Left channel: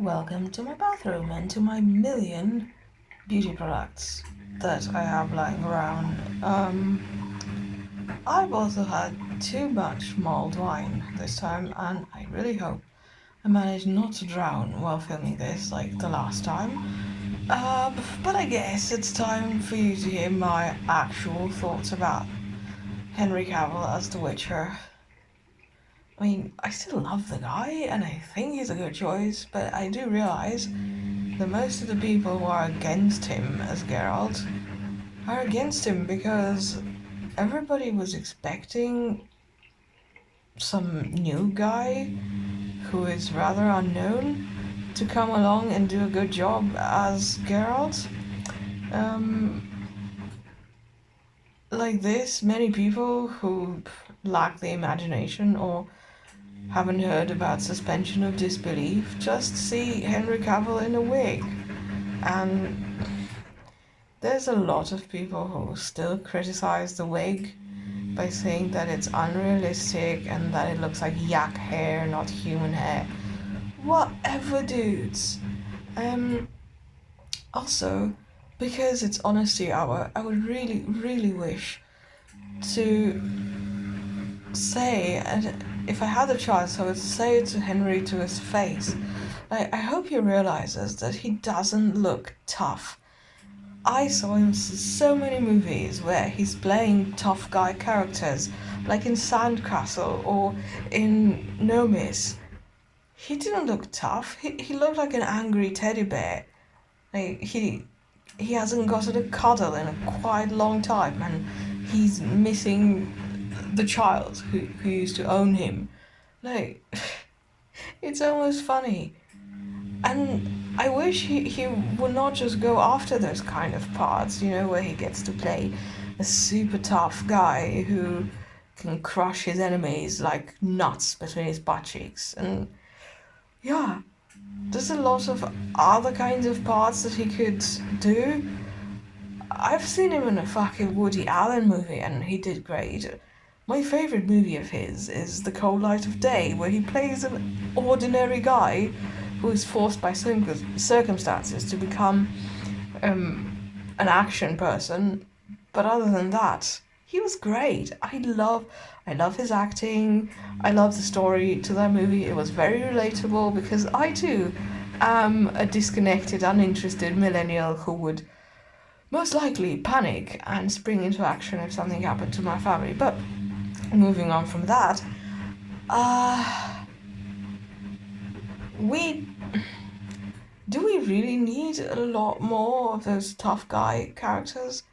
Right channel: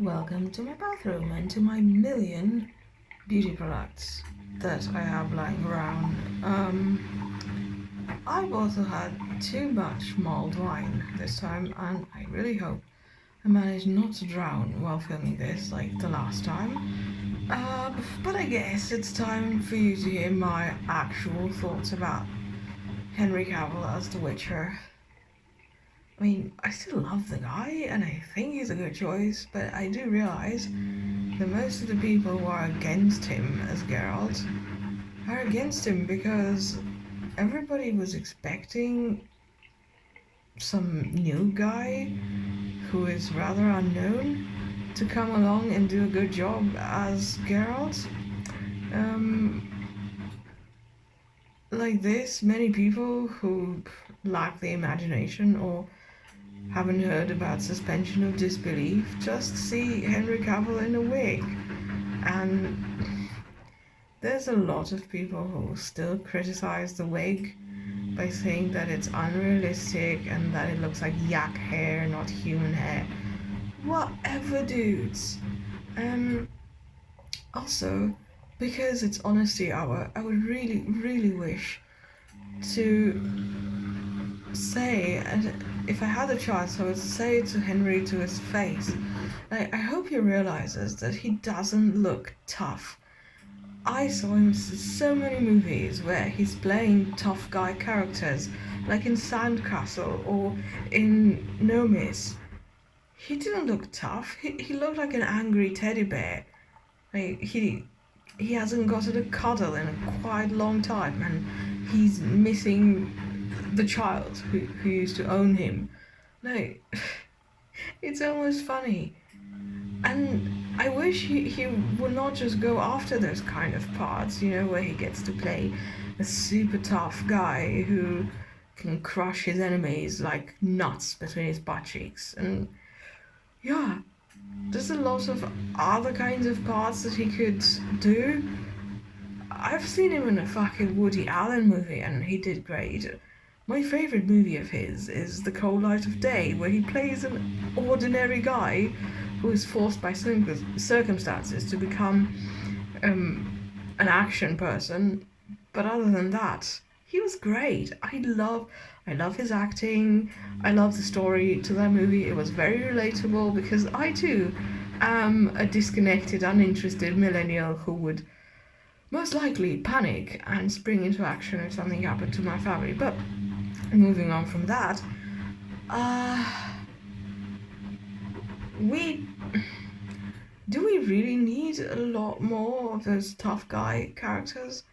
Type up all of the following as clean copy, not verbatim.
Welcome to my bathroom and to my million beauty products that I have lying around. I've also had too much mulled wine this time, and I really hope I managed not to drown while filming this like the last time. But I guess it's time for you to hear my actual thoughts about Henry Cavill as The Witcher. I mean, I still love the guy, and I think he's a good choice, but I do realize that most of the people who are against him as Geralt are against him because everybody was expecting some new guy who is rather unknown to come along and do a good job as Geralt. Um, like this, many people who lack the imagination or haven't heard about suspension of disbelief just see Henry Cavill in a wig. And there's a lot of people who still criticize the wig by saying that it's unrealistic and that it looks like yak hair, not human hair. Whatever, dudes. Also, because it's honesty hour, I would really, really wish to say, and if I had the chance, I would say it to Henry to his face. I hope he realizes that he doesn't look tough. I saw him in so many movies where he's playing tough guy characters, like in Sandcastle or in No Miss. He didn't look tough. He looked like an angry teddy bear. Like he hasn't gotten a cuddle in a quite long time, and he's missing the child who used to own him. Like, it's almost funny. And I wish he would not just go after those kind of parts, where he gets to play a super tough guy who can crush his enemies like nuts between his butt cheeks. And yeah, there's a lot of other kinds of parts that he could do. I've seen him in a fucking Woody Allen movie and he did great. My favourite movie of his is The Cold Light of Day, where he plays an ordinary guy who is forced by circumstances to become an action person. But other than that, he was great. I love his acting. I love the story to that movie. It was very relatable because I too am a disconnected, uninterested millennial who would most likely panic and spring into action if something happened to my family. But moving on from that, we really need a lot more of those tough guy characters?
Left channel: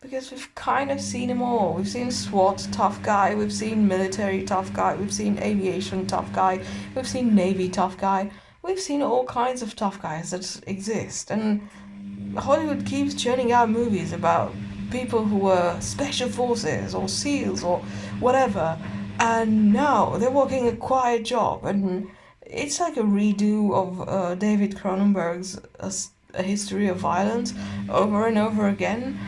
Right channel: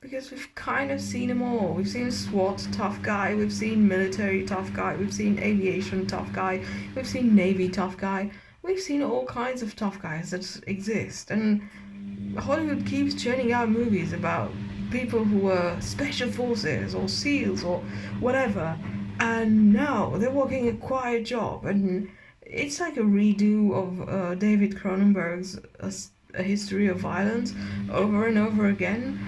Because we've kind of seen them all. We've seen SWAT tough guy, we've seen military tough guy, we've seen aviation tough guy, we've seen Navy tough guy, we've seen all kinds of tough guys that exist. And Hollywood keeps churning out movies about people who were special forces or SEALs or whatever, and now they're working a quiet job, and it's like a redo of David Cronenberg's A History of Violence over and over again,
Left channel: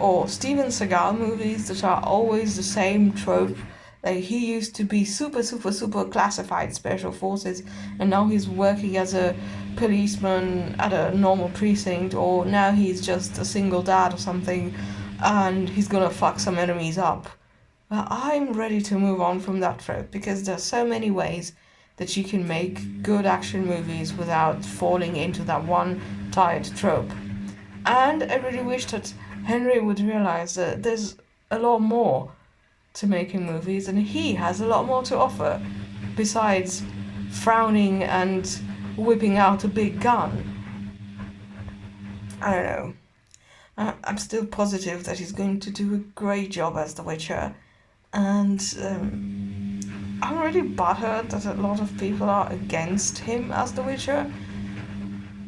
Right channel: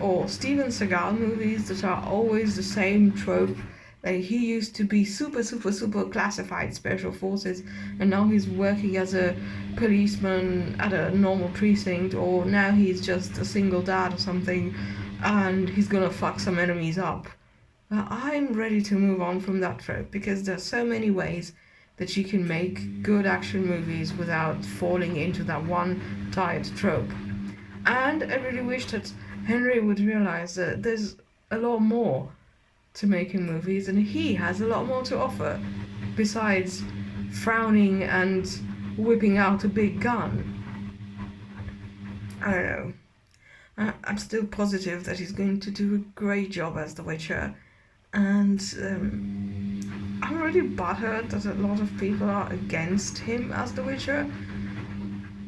or Steven Seagal movies that are always the same trope. Like, he used to be super, super, super classified special forces, and now he's working as a policeman at a normal precinct, or now he's just a single dad or something, and he's gonna fuck some enemies up. But I'm ready to move on from that trope, because there's so many ways that you can make good action movies without falling into that one tired trope. And I really wish that Henry would realize that there's a lot more to making movies, and he has a lot more to offer besides frowning and whipping out a big gun. I don't know. I'm still positive that he's going to do a great job as The Witcher, and I'm really butthurt that a lot of people are against him as The Witcher,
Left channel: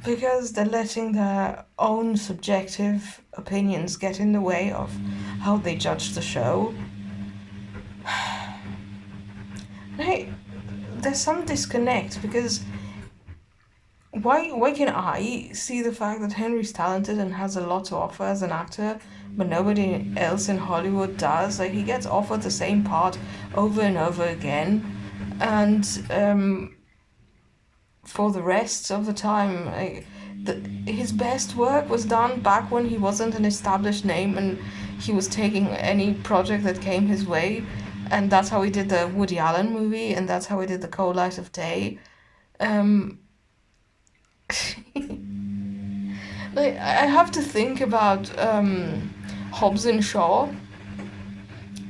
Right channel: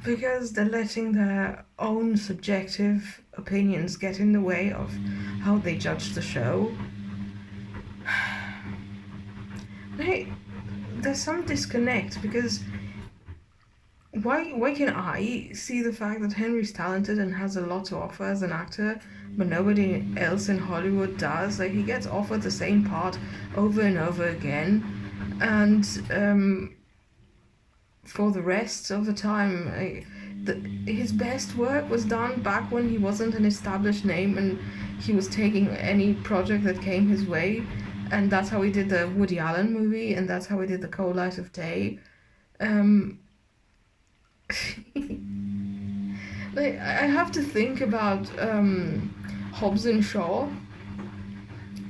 because they're letting their own subjective opinions get in the way of how they judge the show. There's some disconnect, because why can I see the fact that Henry's talented and has a lot to offer as an actor, but nobody else in Hollywood does? Like, he gets offered the same part over and over again, and for the rest of the time, his best work was done back when he wasn't an established name and he was taking any project that came his way. And that's how he did the Woody Allen movie, and that's how he did The Cold Light of Day. Like, I have to think about Hobbs and Shaw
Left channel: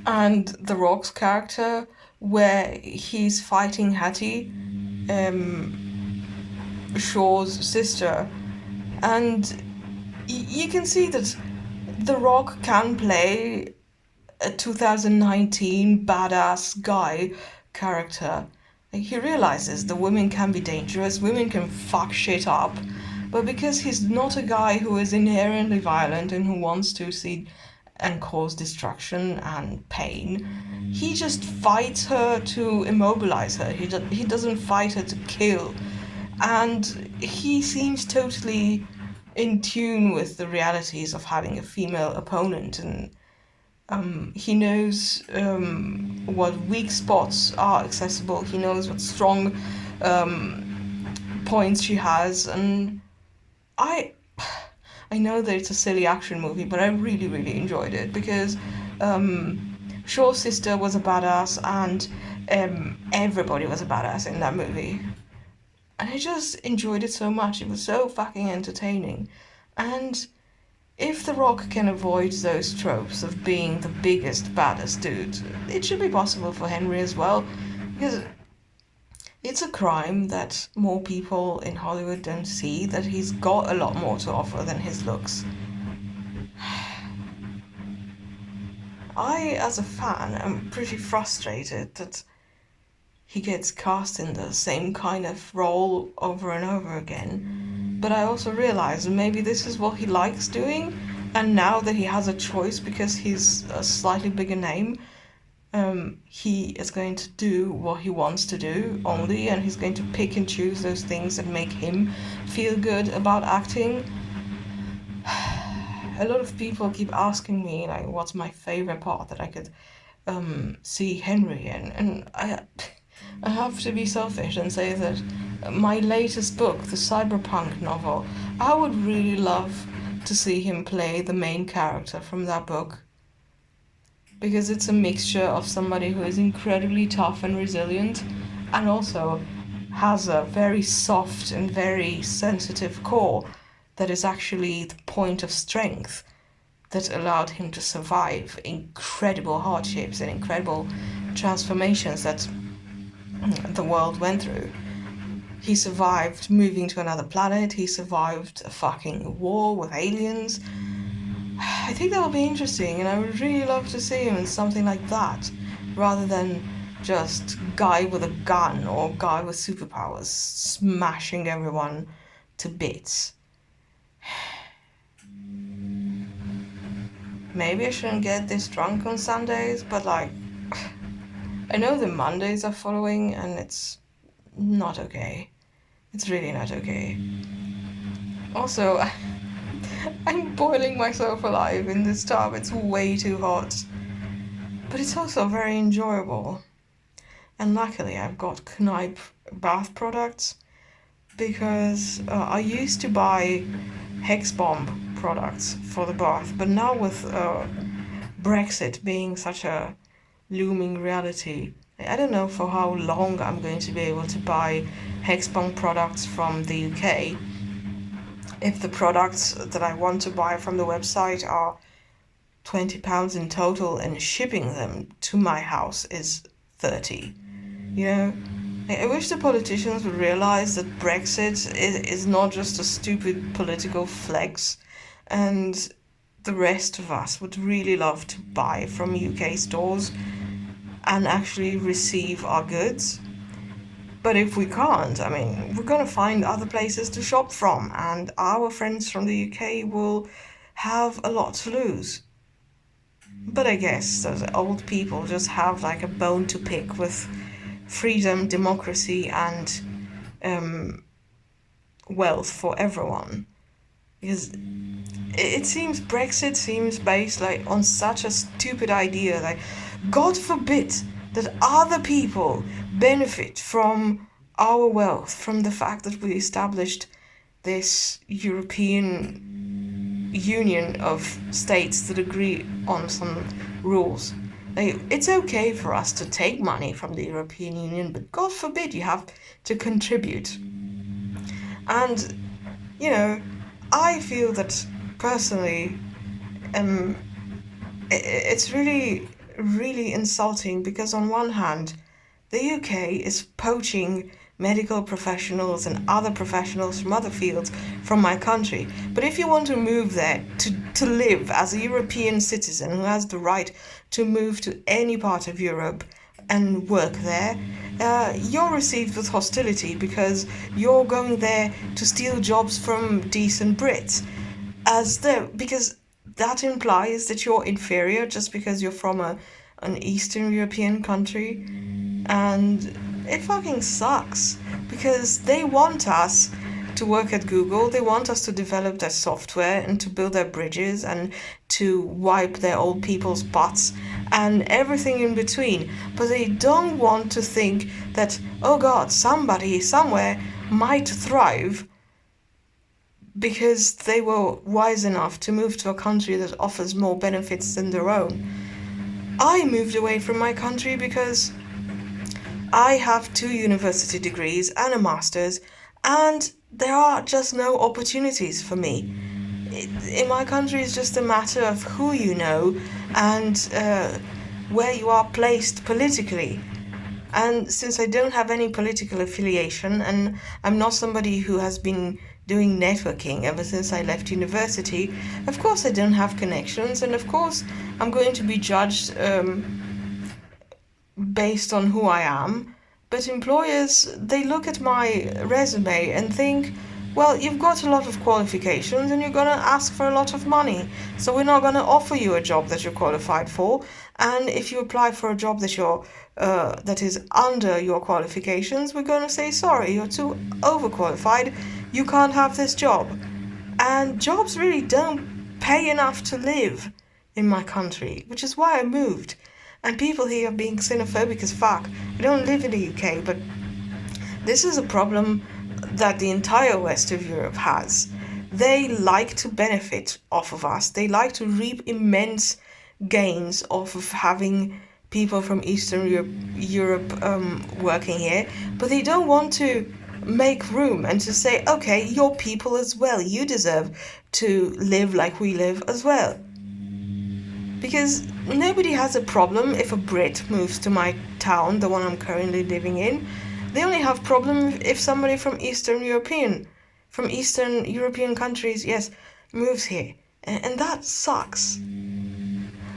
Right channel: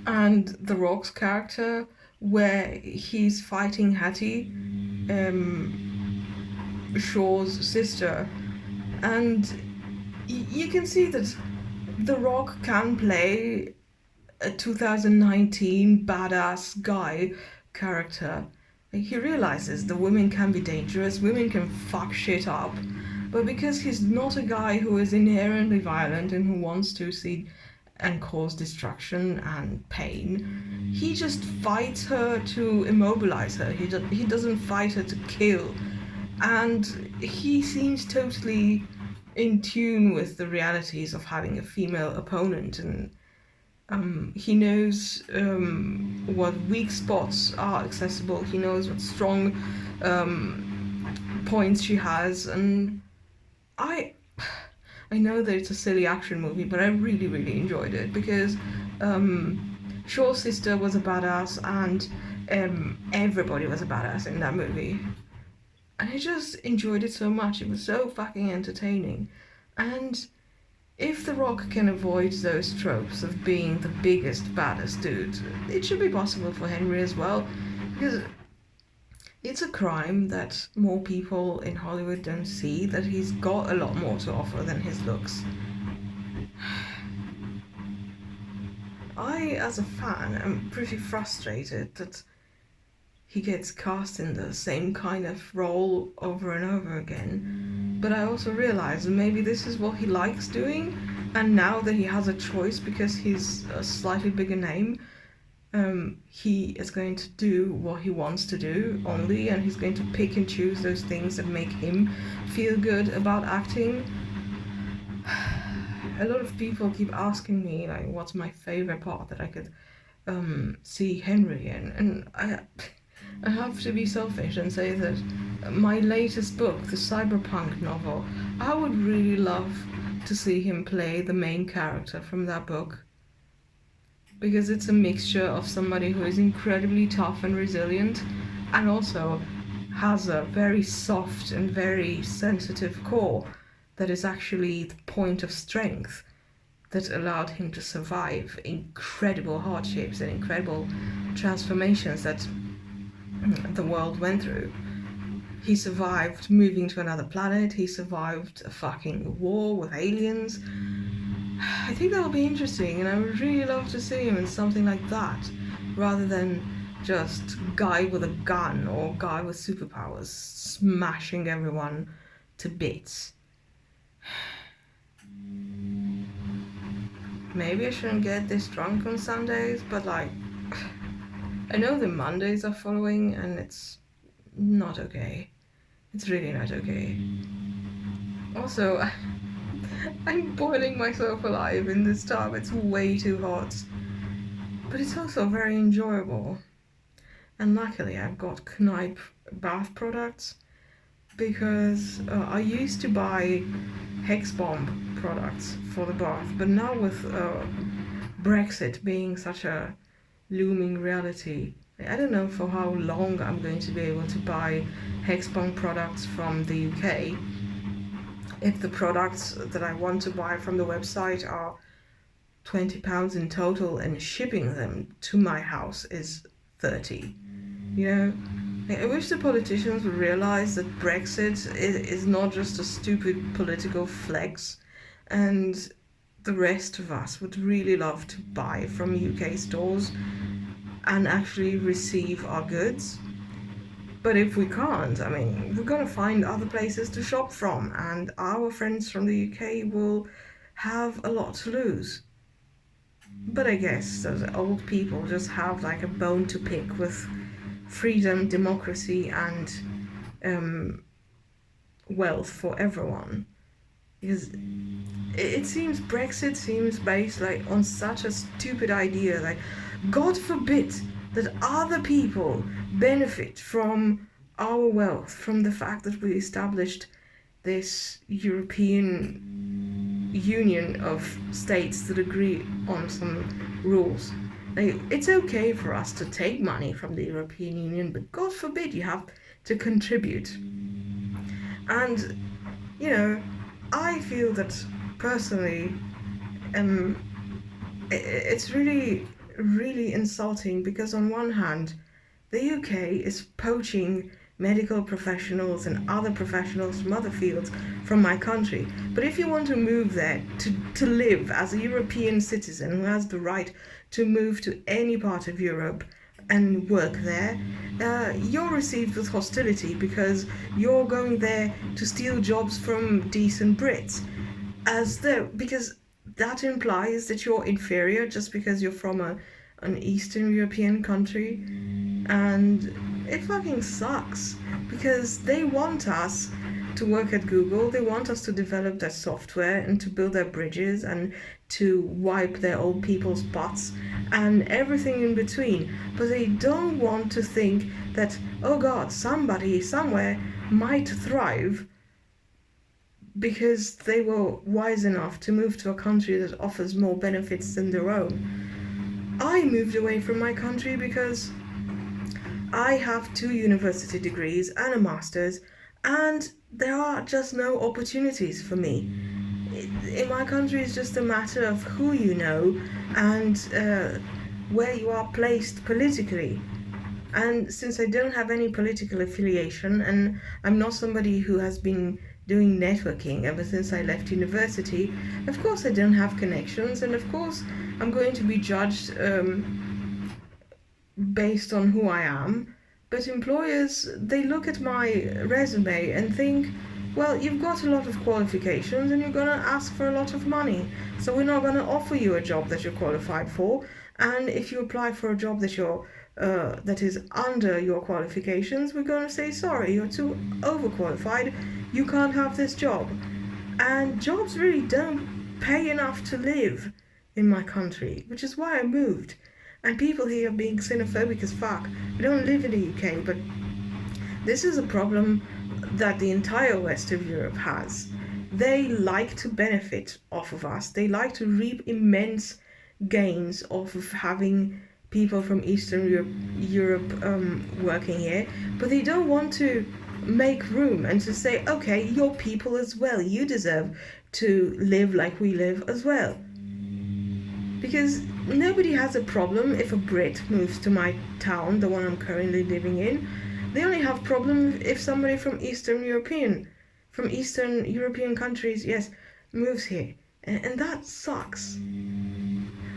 and The Rock's character, where he's fighting Hattie, Shaw's sister, and you can see that The Rock can play a 2019 badass guy character. He realizes the women can be dangerous, women can fuck shit up, but because he's not a guy who is inherently violent and who wants to see and cause destruction and pain, he just fights her to immobilize her. He doesn't fight her to kill. And he seems totally in tune with the realities of having a female opponent, and he knows what weak spots are accessible. He knows what strong points she has, and I know that it's a silly action movie, but I really, really enjoyed it because Shaw's sister was a badass, and everybody was a badass in that movie. And I just enjoyed it so much. It was so fucking entertaining. And if The Rock can avoid those tropes of being the biggest, baddest dude, it should be possible for Henry as well. Because it's a crime that more people in Hollywood don't see, that he's got a lot more to offer than his looks. I, as a fan, am pretty frustrated that he gets cast in the same kind of role over and over again. But I also realize maybe this is what he likes doing, and now that he has a choice because he's a slightly bigger name, he is going to do what he wants to do only, and he's going to pick and choose those things that make him feel good about acting. A lot of people keep asking me, like, what's my favorite part that I could see Henry in, and I have to be selfish and say that my latest book, the cyberpunk novel, I would really love to see him play the main character from that book, because it's a mixture of somebody who is incredibly tough and resilient and also has a very soft and very sensitive core that is actually the point of strength that allowed him to survive incredible hardships and incredible transformations that the world went through. He survived moving to another planet, he survived a fucking war with aliens. I think that would be interesting, and I would really love to see him in something like that, rather than just guy with a gun or guy with superpowers smashing everyone to bits. Maybe I shouldn't get this drunk on Sundays, but like, I know the Mondays are following, and it's not okay. It's really not okay. Also, I'm boiling myself alive in this tub. It's way too hot. But it's also very enjoyable. And luckily I've got Kneipp bath products, because I used to buy Hex Bomb products for the bath, but now with Brexit being such a looming reality, I don't know for how long I'm going to be able to buy Hex Bomb products from the UK. If the products that I want to buy from the website are £20 in total and shipping them to my house is 30. You know, I wish the politicians would realize that Brexit is not just a stupid political flex, and the rest of us would really love to buy from UK stores and actually receive our goods. But if we can't, I mean, we're gonna find other places to shop from, and our friends from the UK will have a lot to lose. But I guess those old people just have like a bone to pick with freedom, democracy, and wealth for everyone. Because it seems Brexit seems based like on such a stupid idea, like God forbid that other people benefit from our wealth from the fact that we established this European Union of states that agree on some rules. Like, it's okay for us to take money from the European Union, but God forbid you have to contribute. And, you know, I feel that personally, it's really, really insulting because on one hand, the UK is poaching medical professionals and other professionals from other fields from my country. But if you want to move there to live as a European citizen who has the right to move to any part of Europe and work there, you're received with hostility because you're going there to steal jobs from decent Brits. Because that implies that you're inferior just because you're from an Eastern European country. And it fucking sucks because they want us to work at Google, they want us to develop their software and to build their bridges and to wipe their old people's butts and everything in between. But they don't want to think that, oh God, somebody somewhere might thrive because they were wise enough to move to a country that offers more benefits than their own. I moved away from my country because I have 2 university degrees and a master's, and there are just no opportunities for me. In my country, it's just a matter of who you know and where you are placed politically. And since I don't have any political affiliation and I'm not somebody who has been doing networking ever since I left university, of course I don't have connections, and of course I'm going to be judged based on who I am. But employers, they look at my resume and think, well, you've got a lot of qualifications and you're going to ask for a lot of money, so we're not going to offer you a job that you're qualified for. And if you apply for a job that is under your qualifications, we're going to say, sorry, you're too overqualified, you can't have this job. And jobs really don't pay enough to live in my country, which is why I moved. And people here are being xenophobic as fuck. I don't live in the UK, but this is a problem that the entire west of Europe has. They like to benefit off of us. They like to reap immense gains off of having people from Eastern Europe working here, but they don't want to make room and to say, okay, you're people as well. You deserve to live like we live as well. Because nobody has a problem if a Brit moves to my town, the one I'm currently living in. They only have problem if somebody from Eastern European countries, yes, moves here. And that sucks.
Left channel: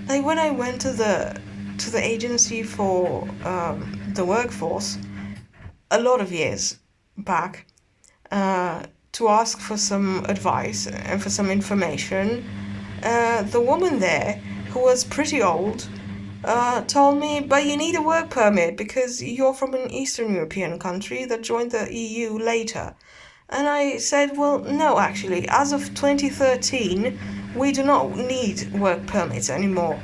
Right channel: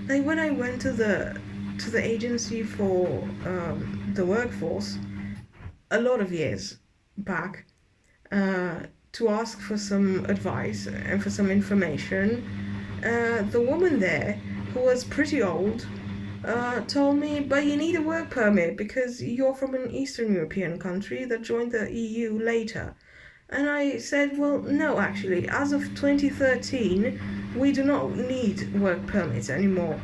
Like when I went to the agency for the workforce a lot of years back to ask for some advice and for some information, the woman there, who was pretty old, told me, but you need a work permit because you're from an Eastern European country that joined the EU later. And I said, well, no, actually, as of 2013, we do not need work permits anymore.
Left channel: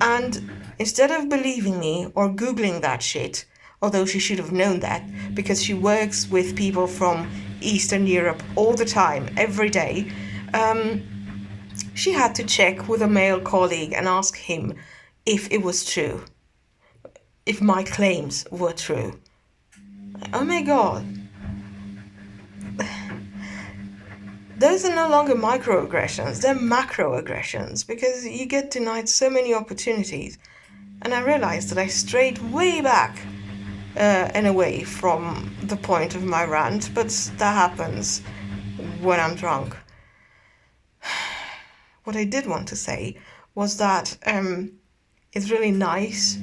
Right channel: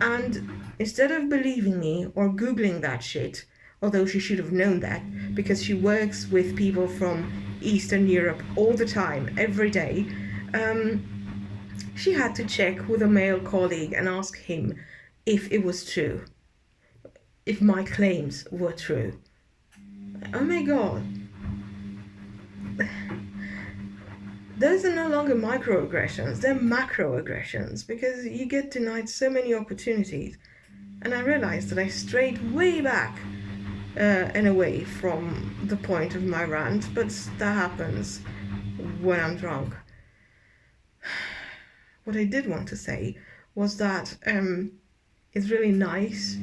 And instead of believing me or Googling that shit, although she should have known that because she works with people from Eastern Europe all the time, every day, she had to check with a male colleague and ask him if it was true, if my claims were true. Oh my God. Those are no longer microaggressions, they're macroaggressions, because you get denied so many opportunities. And I realized that I strayed way back and away from the point of my rant, but that happens when I'm drunk. What I did want to say was that it's really nice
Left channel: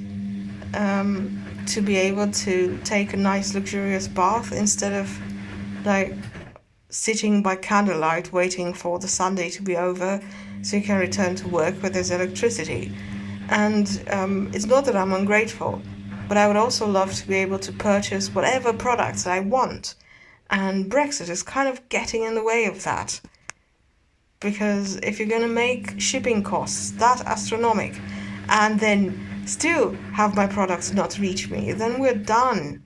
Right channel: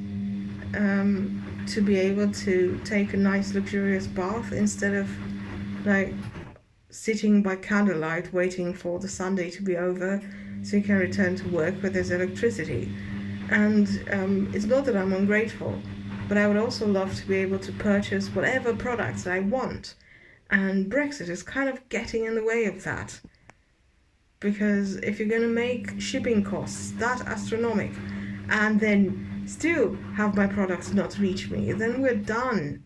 to be able to take a nice luxurious bath instead of like sitting by candlelight waiting for the Sunday to be over so you can return to work where there's electricity. And it's not that I'm ungrateful, but I would also love to be able to purchase whatever products I want. And Brexit is kind of getting in the way of that. Because if you're going to make shipping costs that astronomic and then still have my products not reach me, then we're done.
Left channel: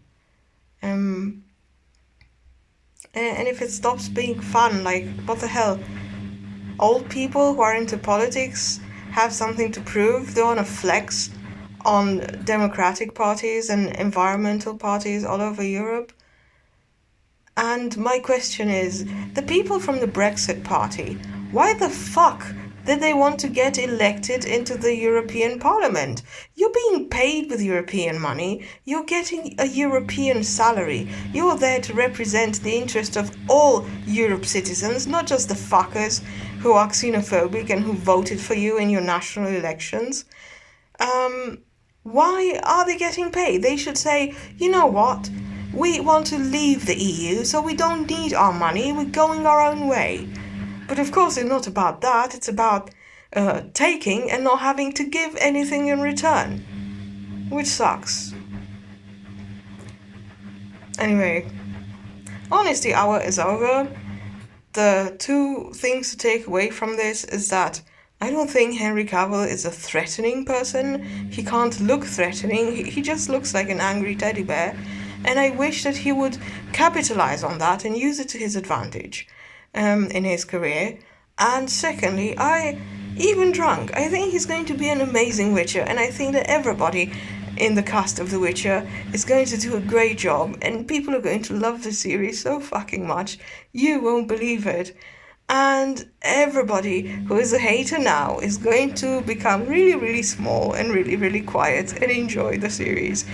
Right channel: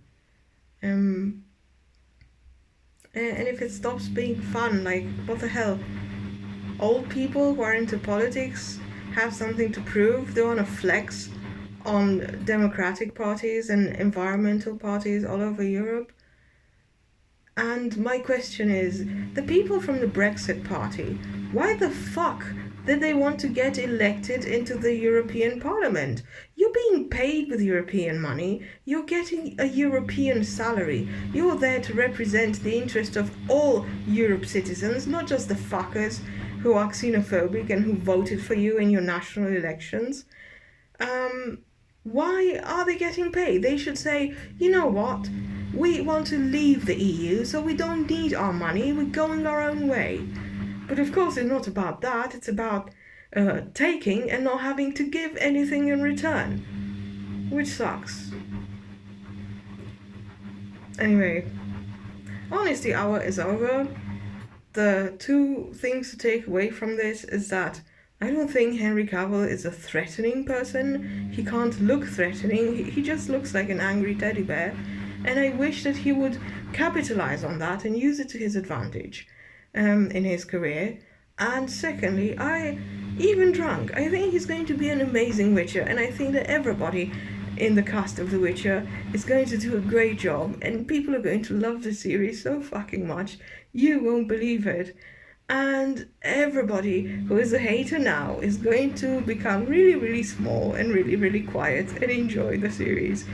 and if it stops being fun, like, what the hell? Old people who are into politics have something to prove. They want to flex on democratic parties and environmental parties all over Europe. And my question is, the people from the Brexit party, why the fuck did they want to get elected into the European Parliament? You're being paid with European money. You're getting a European salary. You're there to represent the interest of all Europe citizens, not just the fuckers who are xenophobic and who voted for you in your national elections. Why are they getting paid? They should say, you know what? We want to leave the EU, so we don't need our money. We're going our own way. But of course, it's not about that. It's about taking and not having to give anything in return, which sucks. Anyway, Honesty Hour is over. The two things to take away from this is that I don't think Henry Cavill is a threatening person. He can't look threatening. He just looks like an angry teddy bear. And I wish that he would capitalize on that and use it to his advantage in his career. And secondly, even drunk, I think he's going to be an amazing Witcher, and I think that everybody in the cast of The Witcher is going to do a great job, and people are going to love the series so fucking much, you won't believe it. And everybody who is a hater now is going to become really, really small and really, really quiet and enjoy the series.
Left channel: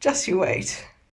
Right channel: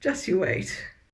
Just you wait.